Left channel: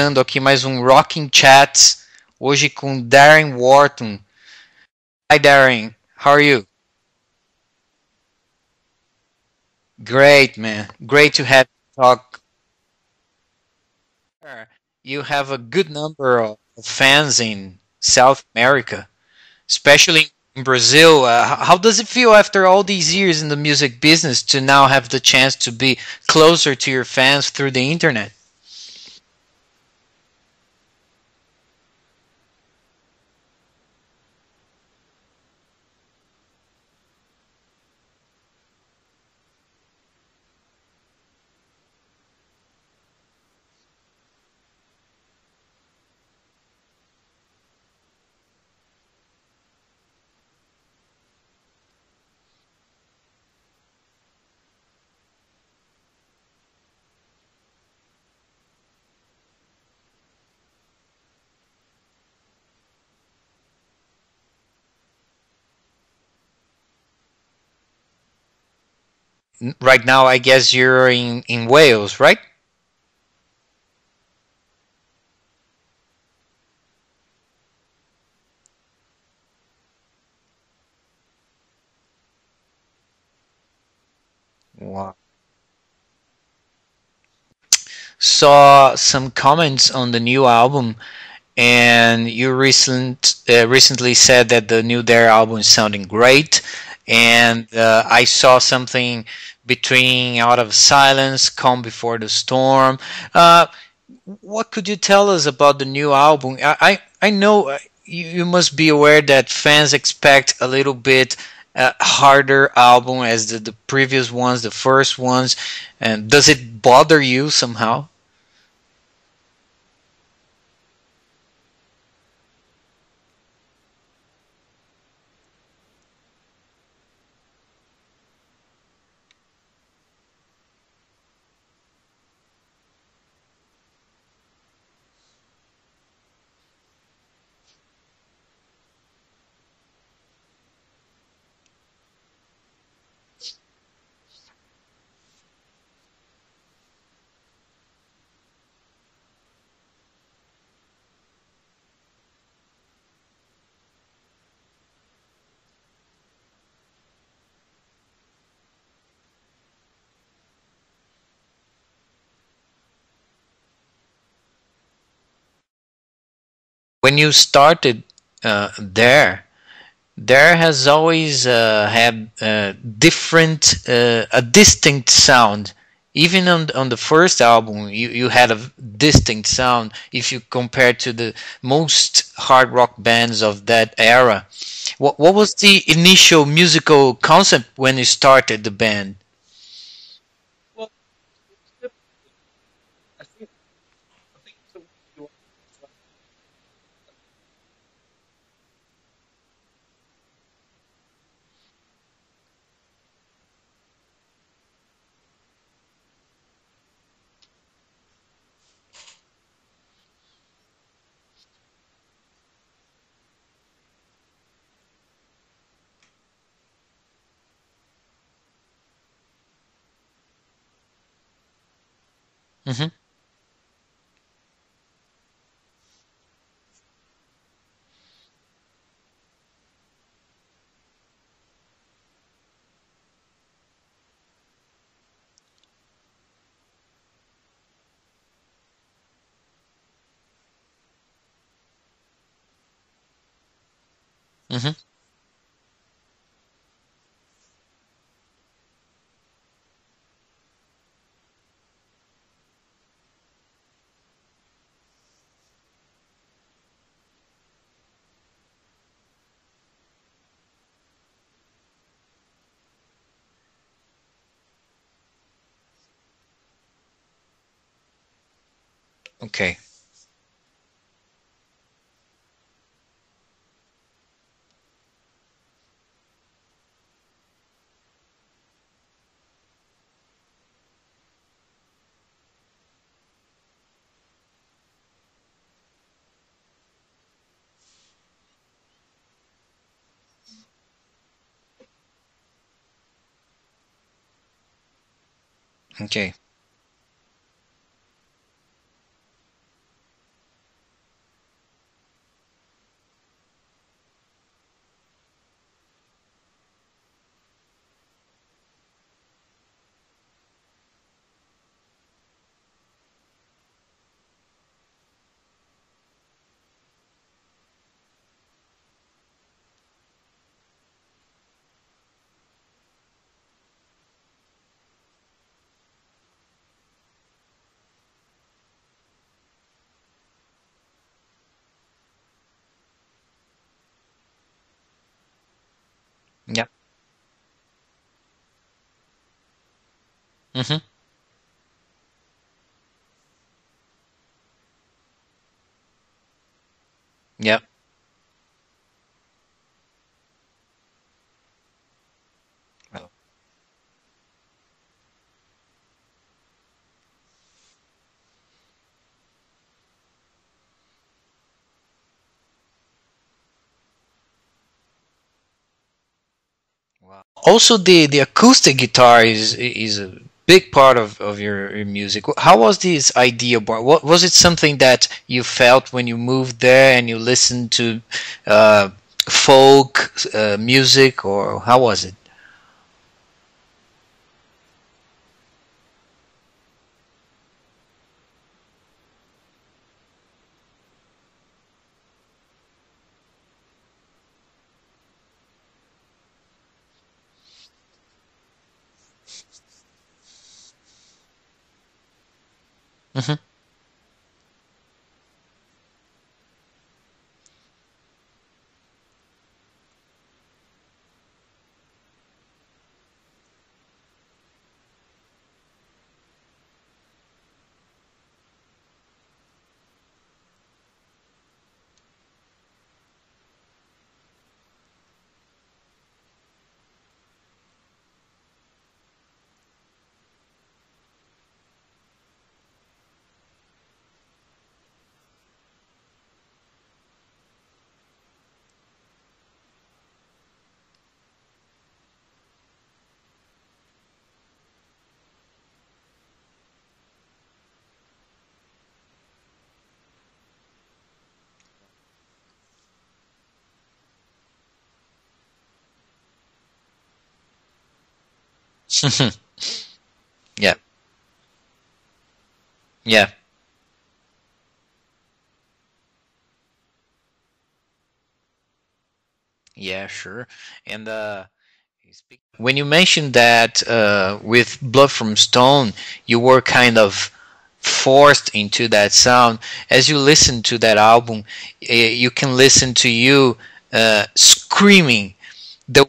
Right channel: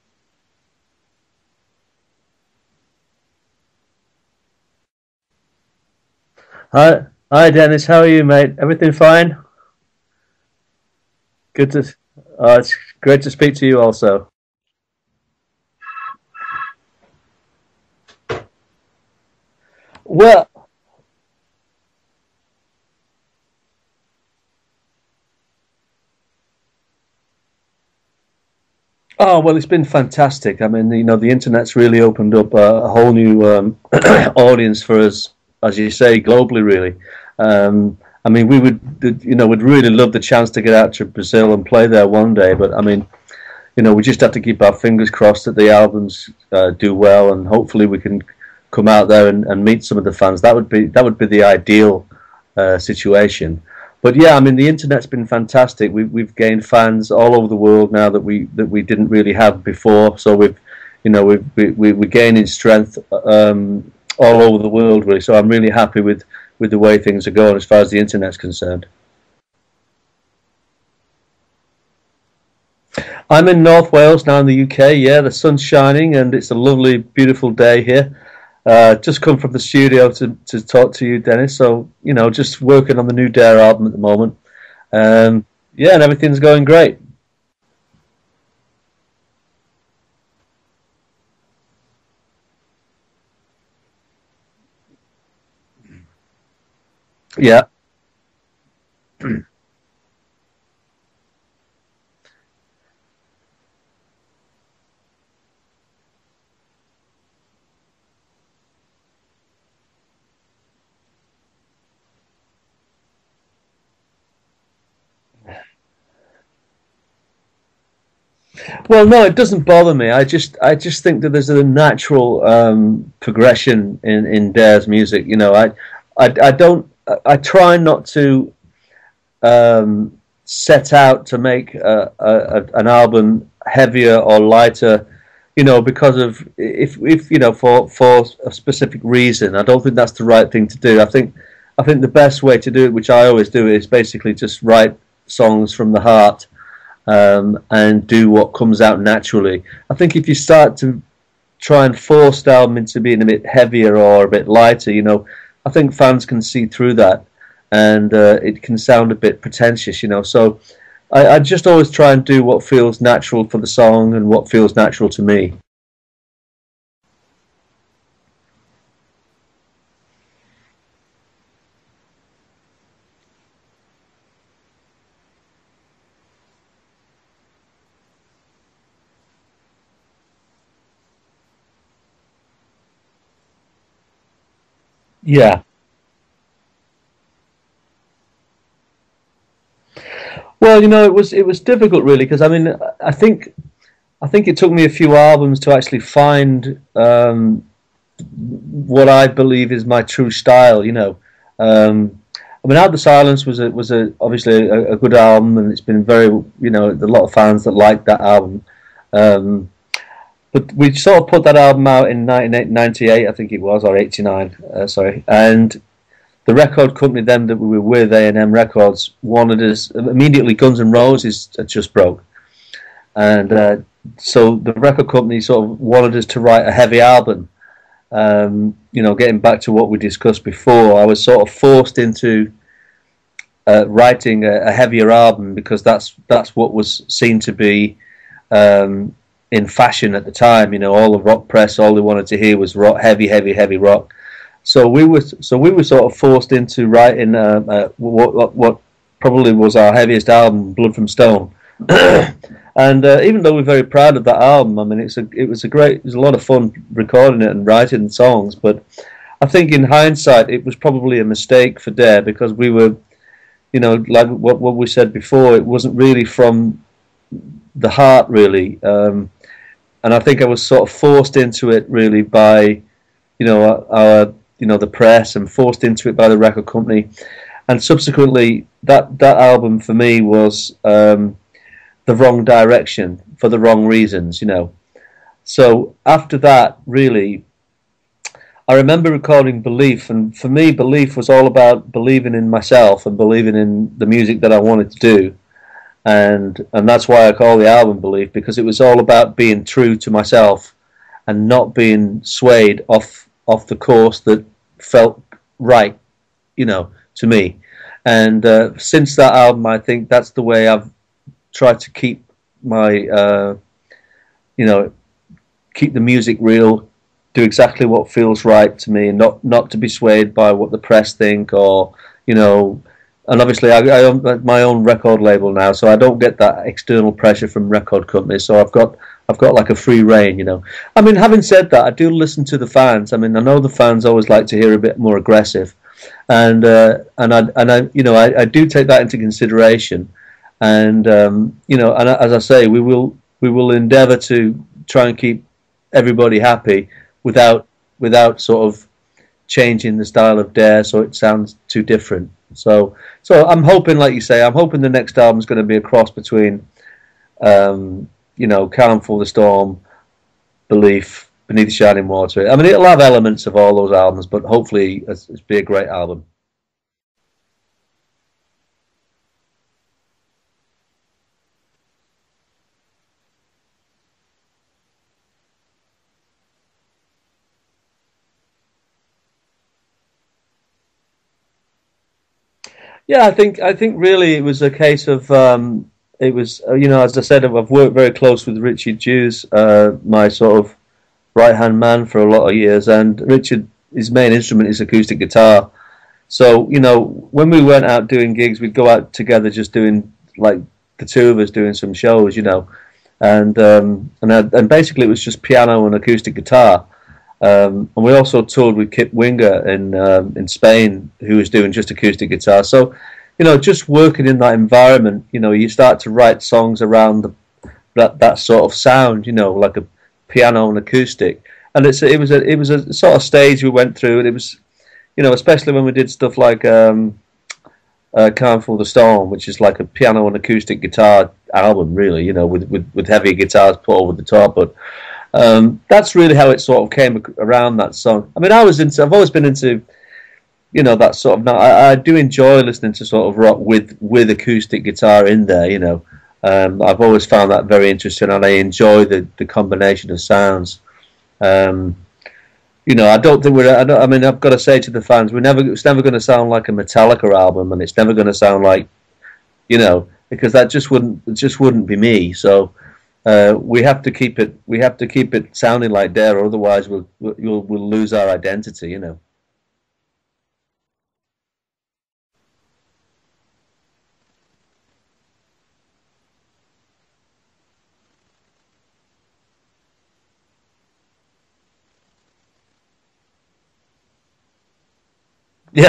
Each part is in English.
começando aqui mais um Rockin Chats, hoje com Darren Wharton. Hi Darren, how are you? Hi, Dennis. How are you, mate? Everything fine? Great, man. Great to have Good you to. talk. It's great to speak to you also. You have a good number of fans in South America, especially Well, in Brazil. How does it feel after all these years in the music business to now have the chance to be closer to your fans through the internet? it's been fantastic. I mean, the internet's really opened up a whole new audience for us, as you say, globally. Really. I mean, would really love the chance to get out to Brazil and play there one day. But I mean, we just have to keep our fingers crossed that the albums do well, and hopefully we can come out there and meet some of the fans. That would be the ideal situation. But yeah, I mean, the internet's been fantastic. We've gained fans all over the world now that we didn't really have before. So we're gaining strength all over the world, really. So I'm really happy with the way things are going as far as the internet's concerned. Right now, I guess you're in Wales, right? I'm in North Wales now in the UK. Yeah, the sun's shining and it's a lovely, beautiful day here. Just come from the studio to talk to you, Dennis. So, just working on the new Dare album at the moment. Yeah, and everything's going great. Saw some comments on the new album, and you recently said that the new Dare album is sounding great. And Yeah. I saw something between Out of Silence, Calm Before the Storm. What could you tell us about the new album? I know you must be aware that fans expect a little bit harder album as the previous ones, the first ones. And does it bother you somehow? Well, no, it doesn't bother me. I just think that there's a natural progression in Dare's music. I don't. I try not to set out to make an album heavier or lighter, because of if for a specific reason. I don't think that's the right thing to do. I think the best way to do it, which I always do, is basically just write songs from the heart and do what comes out naturally. I think if you start to try and force the album into being a bit heavier or a bit lighter, I think fans can see through that, and it can sound a bit pretentious, So I just always try and do what feels natural for the song and what feels natural to me. When you started there has always had a distinct sound. Even on the first album, you had a distinct sound if you compare to the most hard rock bands of that era. What was Yeah. the initial musical concept when you started the band? Well, it was difficult really because I mean I think it took me a few albums to actually find what I believe is my true style. I mean, Out the Silence was obviously a good album, and it's been very, a lot of fans that like that album. Um, but we sort of put that album out in 1998, I think it was, or 89, sorry. And the record company then that we were with, A&M Records, wanted us immediately. Guns N' Roses had just broke, Hmm. and so the record company sort of wanted us to write a heavy album. Getting back to what we discussed before, I was sort of forced into writing a heavier album because that's what was seen to be in fashion at the time. All the rock press, all they wanted to hear was rock, heavy rock. Hmm. So we were sort of forced into writing what probably was our heaviest album, Blood from Stone. And even though we're very proud of that album, I mean, it was a lot of fun recording it and writing the songs. But I think in hindsight, it was probably a mistake for Dare because we were, like what we said before, it wasn't really from the heart, really. Okay. And I think I was sort of forced into it really by, the press, and forced into it by the record company. And subsequently, that album for me was the wrong direction for the wrong reasons. So after that, really, I remember recording Belief, and for me, Belief was all about believing in myself and believing in the music that I wanted to do. Okay. and that's why I call the album Belief, because it was all about being true to myself and not being swayed off the course that felt right, to me. And since that album, I think that's the way I've tried to keep my, you know, keep the music real, do exactly what feels right to me, and not to be swayed by what the press think, or you know. And obviously, I own my own record label now, so I don't get that external pressure from record companies. So I've got like a free reign. I mean, having said that, I do listen to the fans. I mean, I know the fans always like to hear a bit more aggressive, and I do take that into consideration. Hmm. And and as I say, we will endeavour to try and keep everybody happy Yeah. without sort of changing the style of Dare so it sounds too different. So I'm hoping, like you say, I'm hoping the next album is going to be a cross between Calm for the Storm, Belief, Beneath the Shining Water. I mean, it'll have elements of all those albums, but hopefully it's be a great album. Wow. Also, the acoustic guitar is a big part of your music. How was this idea born? What was it, something that you felt when you moved there and you listened to uh, folk music, or how was it? Yeah, I think really it was a case of it was as I said, I've worked very close with Richard Hughes, my sort of right hand man for a lot of years, and Richard, his main instrument is acoustic guitar. So when we went out doing gigs, we'd go out together, just doing like the two of us doing some shows. Hmm. And basically it was just piano and acoustic guitar. And we also toured with Kip Winger in Spain, who was doing just acoustic guitar. So, just working in that environment, you start to write songs around that sort of sound, like a piano and acoustic. And it was a sort of stage we went through, and it was, especially when we did stuff like Calm for the Storm, which is like a piano and acoustic guitar album, really, with heavy guitars put over the top, but. That's really how it sort of came around, that song. I mean, I've always been into, that sort of. I do enjoy listening to sort of rock with acoustic guitar in there. I've always found that very interesting, and I enjoy the combination of sounds. Um, I don't think I mean, I've got to say to the fans, it's never going to sound like a Metallica album, and it's never going to sound like, because Yeah. that just wouldn't be me. So Yeah. we have to keep it sounding like Dare, otherwise we'll lose our identity. Yeah, sure. And when you mentioned that with Blood from Stone, you were kind of forced into that sound. As you listen to that album, you can listen to you screaming the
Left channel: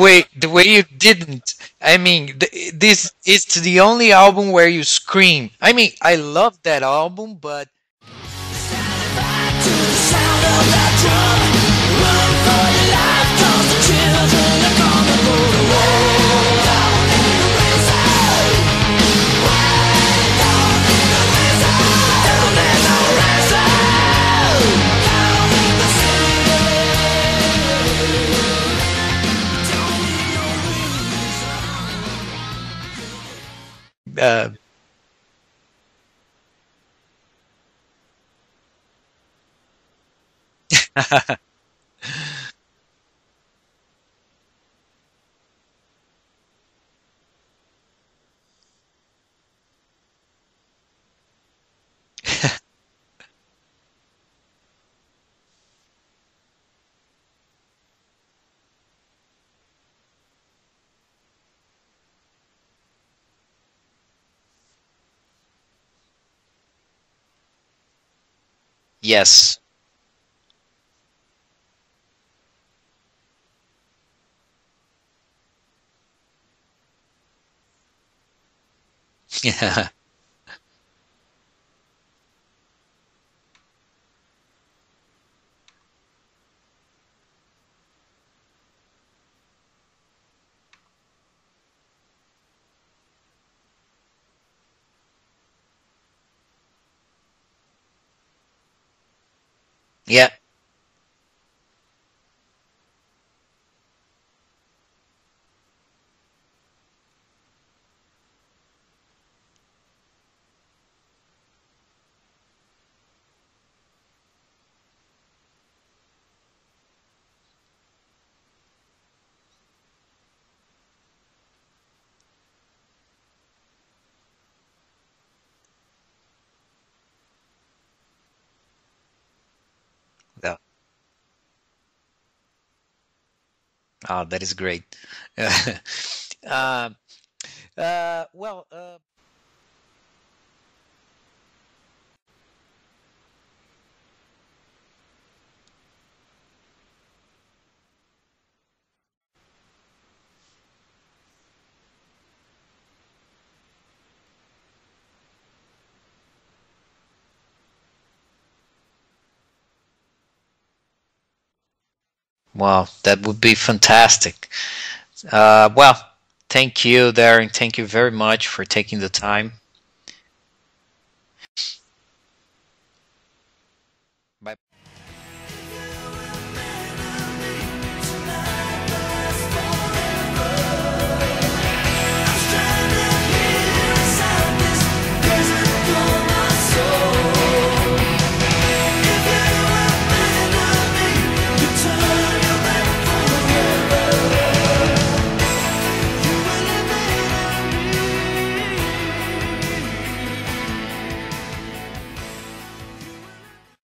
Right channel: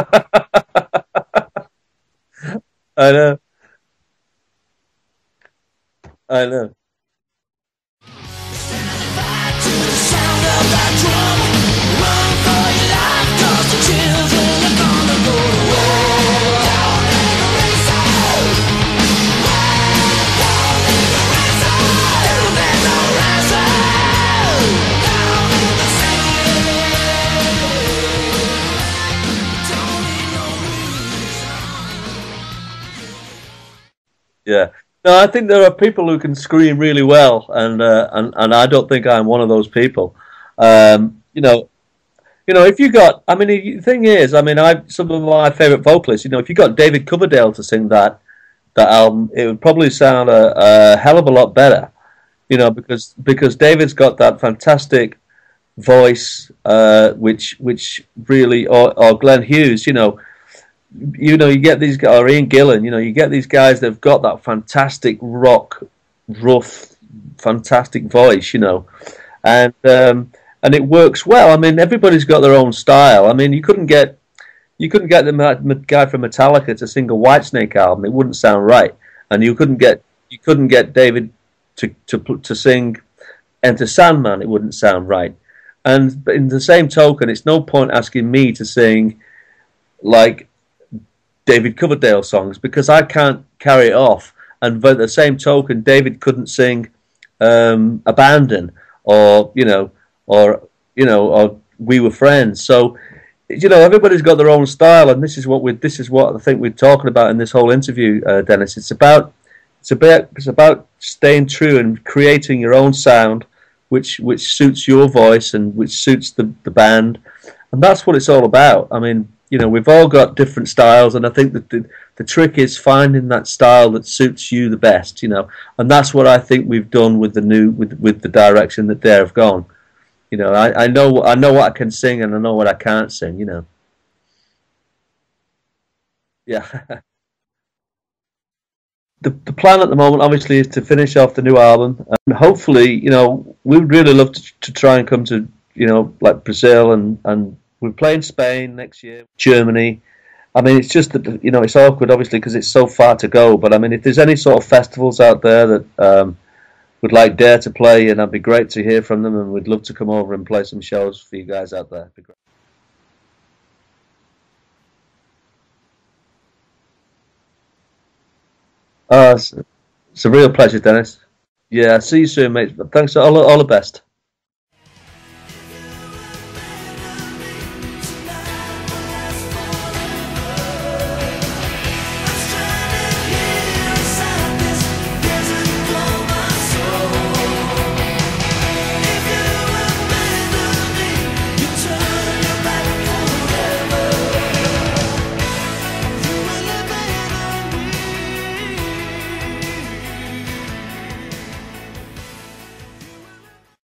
way you didn't. I mean, this I know, is the only album where you scream. I mean, I I love know. that album, but To the sound of that drum, run for your life, 'cause the children are gonna go to war. Down there's no ransom. Don't need no reason. Yeah. No, I think there are people who can scream really well, and I don't think I'm one of those people. Um, you know, if you got, I mean, the thing is, I mean, some of my favorite vocalists. If you got David Coverdale to sing that album, it would probably sound a hell of a lot better. Because David's got that fantastic voice, which really, or Glenn Hughes. You get these guys, or Ian Gillan. You get these guys that've got that fantastic rock, rough, fantastic voice. yes, And it works well. I mean, everybody's got their own style. I mean, you couldn't get the guy from Metallica to sing a Whitesnake album. It wouldn't sound right. And you couldn't get David to sing Enter Sandman. It wouldn't sound right. And but in the same token, it's no point asking me to sing like David Coverdale songs, because I can't carry it off. And by the same token, David couldn't sing Abandon, or yeah, or We Were Friends. So you know, everybody's got their own style, and this is what I think we're talking about in this whole interview, Dennis. It's about staying true and creating your own sound, which suits your voice and which suits the band, and that's what it's all about. I mean, you know, we've all got different styles, and I think that the trick is finding that style that suits you the best, you know, and that's what I think we've done with the new with the direction that Dare have gone. You know, I know what I can sing and I know what I can't sing. You know. Oh, that is great. Yeah. um, well, The plan at the moment, obviously, is to finish off the new album, and hopefully, you know, we would really love to try and come to, you know, like Brazil, and we're playing Spain next year, Germany. I mean, it's just that, you know, it's awkward, obviously, because it's so far to go. But I mean, if there's any sort of festivals out there that would like Dare to play, and that'd be great to hear from them, and we'd love to come over and play some shows for you guys out there. It'd be great. wow, that would be fantastic. Well, thank you, Darren. Thank you very much for taking the time. It's a real pleasure, Dennis. Yeah, see you soon, mate. Thanks. All the best.